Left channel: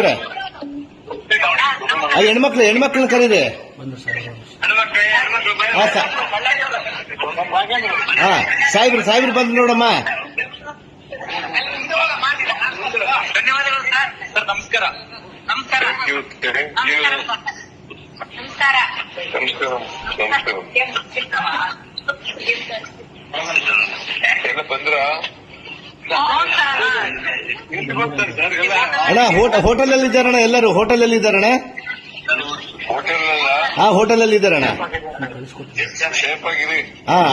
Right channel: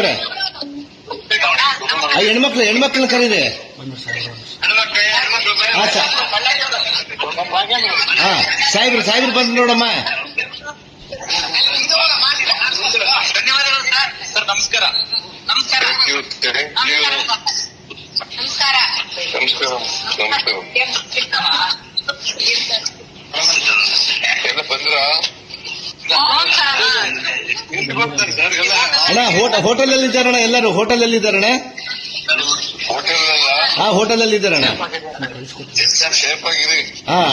ಅವರೇ ಹೆಣ್ಮಕ್ಳು ಕರೀರಿ. ಸಾಹೇಬ್ರು ಬಂದು ನೋಡಮ್ಮ. ಧನ್ಯವಾದಗಳು ಸರ್. ನಮಸ್ಕಾರ. ಎಲ್ಲ ಬಂದ್ರ ಅಣ್ಣ ಹೋಟೆಲ್ ಅಲ್ಲಿ ಇದ್ದಾರಣ್ಣ, ಎಲ್ಲರೂ ಹೋಟೆಲ್ ಅಲ್ಲಿ ಇದ್ದಾರಣ್ಣ. ಹೋಟೆಲ್ ಅಲ್ಲಿ ಇದ್ದಾರಣ್ಣ. ಸೇಫ್ ಆಗಿರಿ.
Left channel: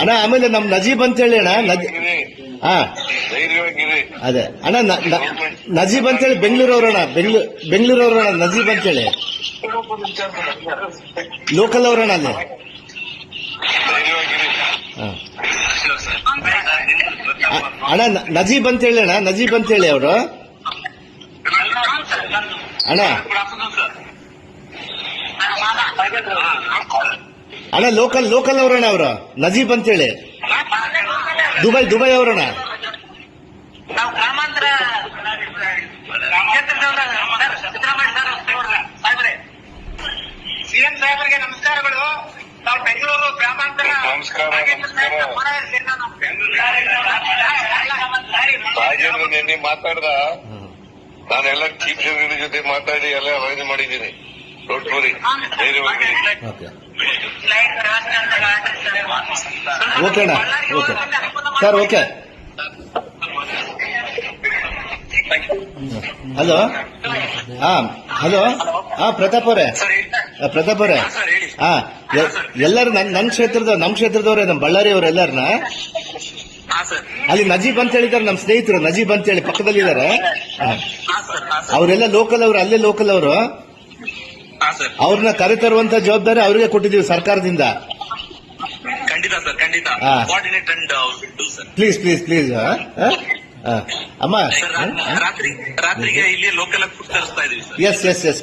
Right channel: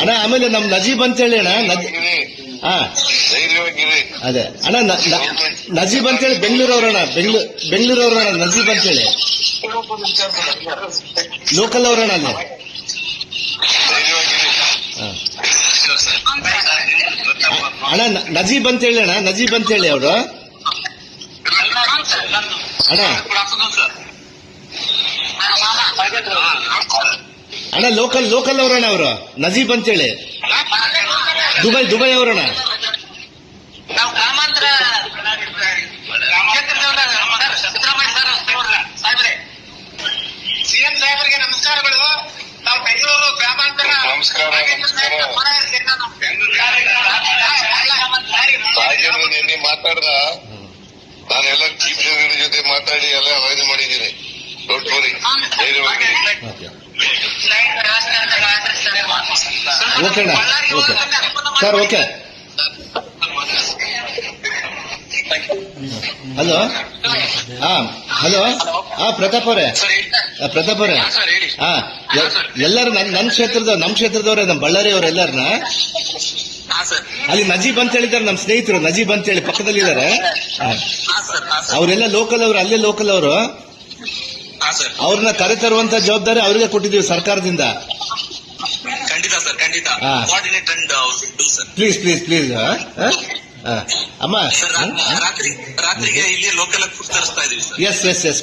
ಅಣ್ಣ ಆಮೇಲೆ ನಮ್ ನಜೀಬ್ ಅಂತ ಹೇಳಿ ಅಣ್ಣ. ಧೈರ್ಯವಾಗಿರಿ. ಅದೇ ಅಣ್ಣ ನಜೀಬ್ ಅಂತೇಳಿ ಬೆಂಗಳೂರವ್ರಣ್ಣ. ಬೆಂಗಳೂರವ್ರಣ್ಣ ನಜೀಬ್ ಅಂತೇಳಿ ಲೋಕಲ್ ಅವ್ರಣ್ಣ ಅಲ್ಲಿ. ಅಣ್ಣ ನಜೀಬ್ ಅಂತೇಳಿ ಅಣ್ಣ, ನಜೀಬ್ ಅಂತೇಳಿ ಅವರು ಅಣ್ಣ. ಅಣ್ಣ ಲೋಕಲ್ ಅವ್ರಣ್ಣ ಅವರು ನಜೀಬ್ ಅಂತೇಳಿ ದುಬೈ ಅವ್ರಣ್ಣ. ಸಿಎಂ ಸಾಹೇಬರಿಗೆ ನಮಸ್ಕಾರಗಳು. ನಾವು ಬೆಂಗಳೂರು ಗ್ರಾಮಾಂತರ ನಿನ್ನೆ ಮಾತಾಡ್ದ ನಾನೆಲ್ಲ ಚೀಫ್ ಸೆಕ್ರೆಟರಿ ಜೊತೆ ಮಾತಾಡಿ ಎಲ್ಲ ಅವಾಯ್ಡ್ ಮಾಡಿದ್ದೀನಿ. ಡೋಂಟ್ ವರಿ, ಧೈರ್ಯವಾಗಿರಿ. Okay okay sir, okay. Hello hello Pratap ಅವರೇ, ಎಲ್ಲರೂ ನನ್ನ ಕ್ಷೇತ್ರದವ್ರೆ, ನಮ್ಮ ಬಳ್ಳಾರಿ ಅವರು ಎಲ್ಲರನ್ನ ಅಲ್ಲಿ ನಜೀಬ್ ಅಂತ ಹೇಳಿದ್ದಾರೆ. ನಮ್ಮ ಸ್ನೇಹಿತರು ನಜೀಬ್ ಅಂತ ಹೇಳಿ ಪಕ್ಕದಲ್ಲಿದ್ದಾರೆ. ಅವರೆಲ್ಲ ಲೋಕಲ್ ಅವರು, ಅಲ್ಲೇ ಲೋಕಲ್ ಅವರು. ಅವ್ರನ್ನ ಕರೆತರುವಂತ ಜವಾಬ್ದಾರಿ ಅವ್ರಿಗೆ ಕೊಟ್ಟಿದ್ದೀವಿ ಸರ್ಕಾರದಿಂದ. ಪ್ಲೀಸ್ ಅಮ್ಮ. ರಾತ್ರಿಗೆ ಇಲ್ಲಿ ಲೋಕಲ್ ಫುಡ್ ತರಿಸ್ತಾ ಇದೀವಿ. ಎಸ್